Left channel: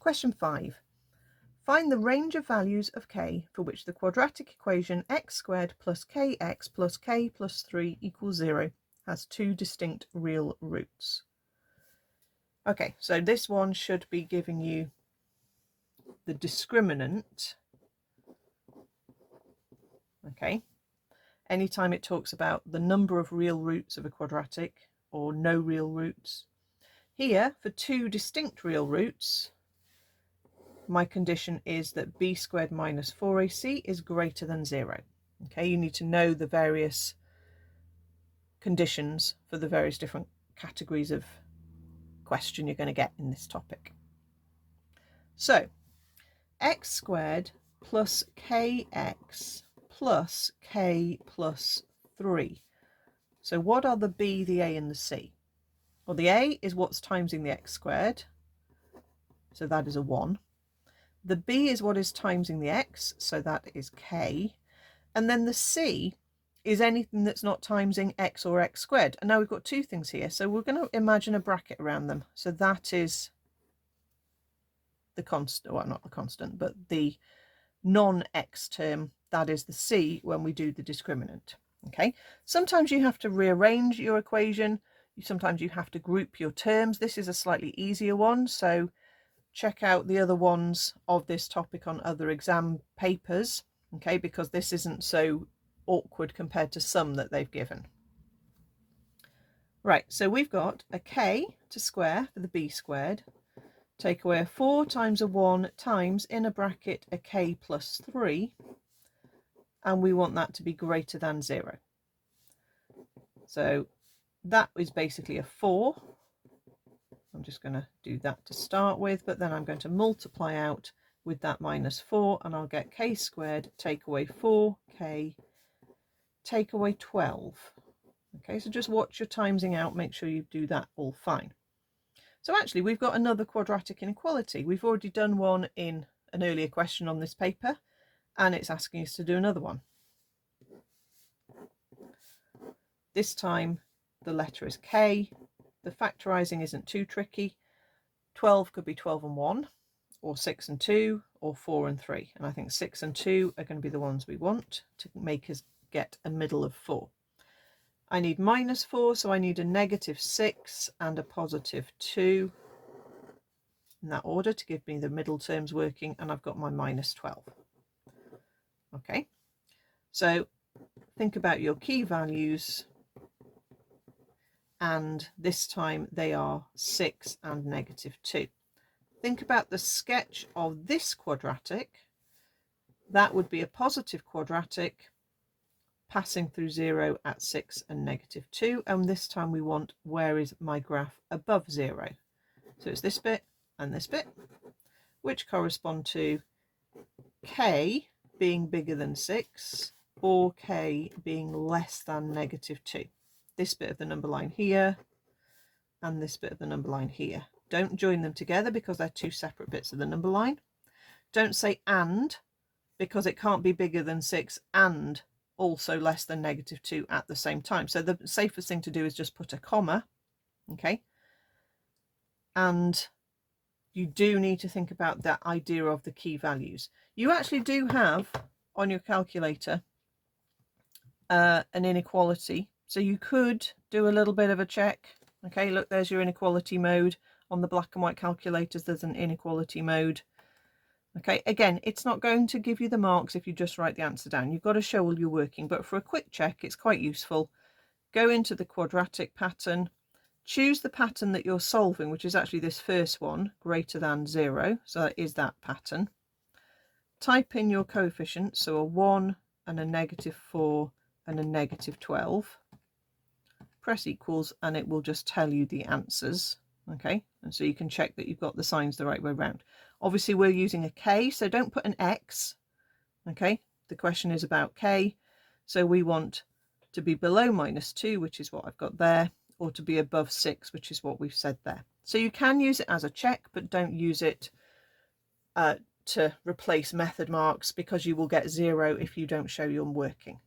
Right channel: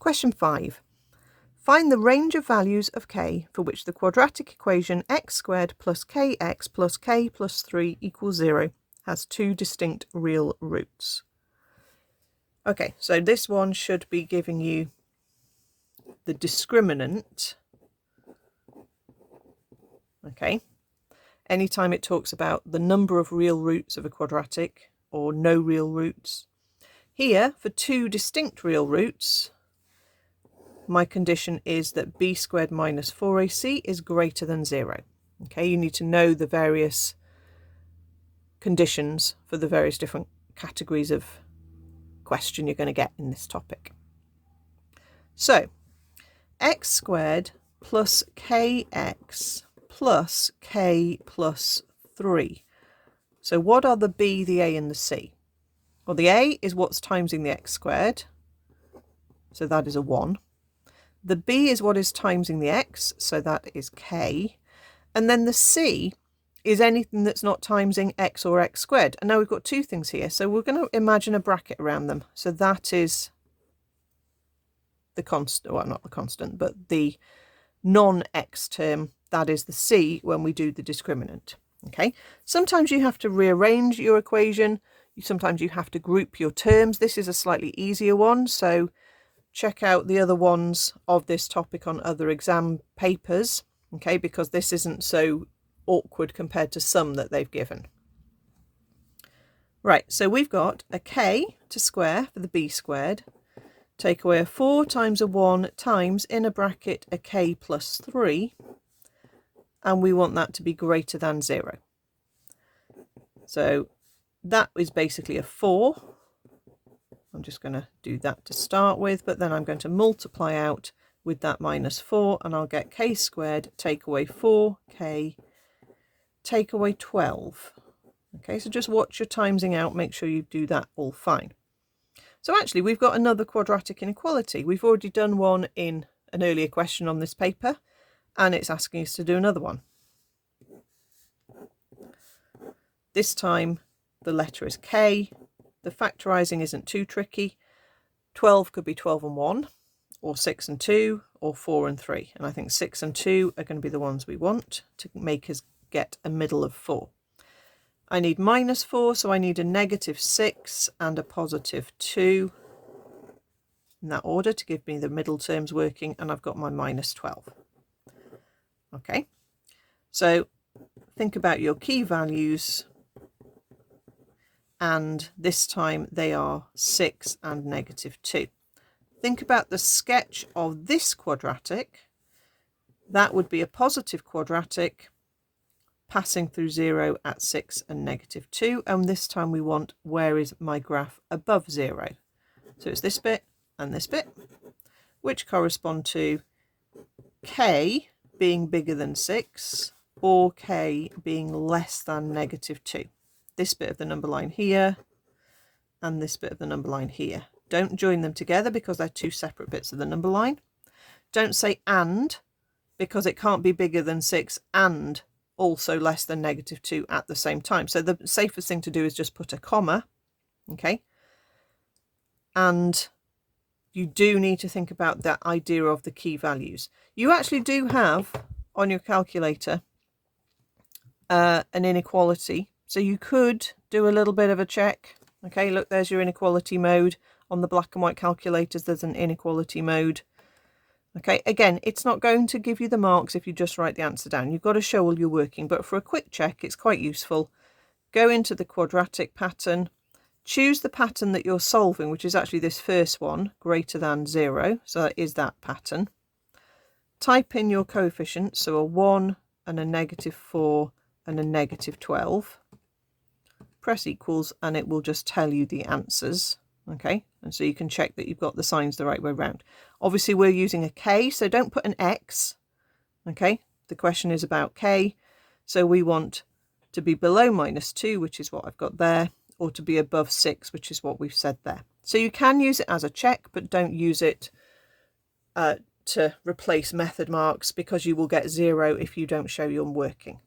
Question 5. Find the range of values of k for which the quadratic equation x squared plus kx plus k plus 3 equals 0 has two distinct real roots. Okay, so this one should be giving you the discriminant. Okay, anytime it talks about the number of real roots of a quadratic or no real roots. Here, for two distinct real roots, my condition is that b squared minus 4ac is greater than 0. Okay, you need to know the various conditions for the various different categories of question you're going to get in this topic. So, x squared plus kx plus k plus 3. So what are the b, the a and the c? Well, the a is what's timesing the x squared, so that is a 1. The b is what is timesing the x, so that is k. And then the c is anything that's not timesing x or x squared. And now we've got two things here, so we're going to imagine a bracket around them. So that is the constant, well, not the constant, but the non-x term, that is the c when we do the discriminant. Okay, sometimes you have to rearrange your equation, sometimes you have to group your terms. This is a slightly easier one, so check out the other ones of this topic on other exam papers, okay, because this isn't so awkward compared to some that they've given. Right, so we've got a k to square for the b squared, take away a 4 times a 1 times in a bracket a k plus 3, and we want that to be greater than 0. So that is basically a 4. I'm just going to do that to start with, but then I'm going to multiply out with that minus 4, and I'll get k squared, take away 4k, take away 12. Okay, so just watch your timesing out, make sure you do that all fine. So actually we've got another quadratic inequality. We've already done one in an earlier question on this paper, and it's asking us to do another one. This time the letter is k. The factorising isn't too tricky. 12 could be 12 and 1, or 6 and 2, or 4 and 3. And I think 6 and 2 are going to be the ones we want to make us get a middle of 4. I need minus 4, so I need a negative 6 and a positive 2 in that order to give me the middle terms working, and I've got my minus 12. Okay, so think about your key values, and this time they are 6 and negative 2. Think about the sketch of this quadratic. That would be a positive quadratic passing through 0 at 6 and negative 2, and this time we want where is my graph above 0. So it's this bit and this bit, which correspond to k being bigger than 6 or k being less than negative 2. This bit of the number line here and this bit of the number line here. Don't join them together because they're two separate bits of the number line. Don't say and, because it can't be bigger than 6 and also less than negative 2 at the same time. So the safest thing to do is just put a comma, okay? And you do need to think about that idea of the key values. You actually do have on your calculator an inequality. So you could do a little bit of a check. Okay, look, there's your inequality mode. On the black and white calculators, there's an inequality mode. Okay, again, it's not going to give you the marks if you just write the answer down. You've got to show all your working, but for a quick check, it's quite useful. Go into the quadratic pattern, choose the pattern that you're solving, which is actually this first one, greater than 0. So that is that pattern. Type in your coefficients, so a 1 and a negative 4 and a negative 12. Press equals and it will just tell you the answers. Okay, and so you can check that you've got the signs the right way around. Obviously we're using a k, so don't put an x. Okay, the question is about k, so we want to be below minus 2, which is what I've got there, or to be above 6, which is what we've said there. So you can use it as a check, but don't use it to replace method marks, because you will get 0 if you don't show your working.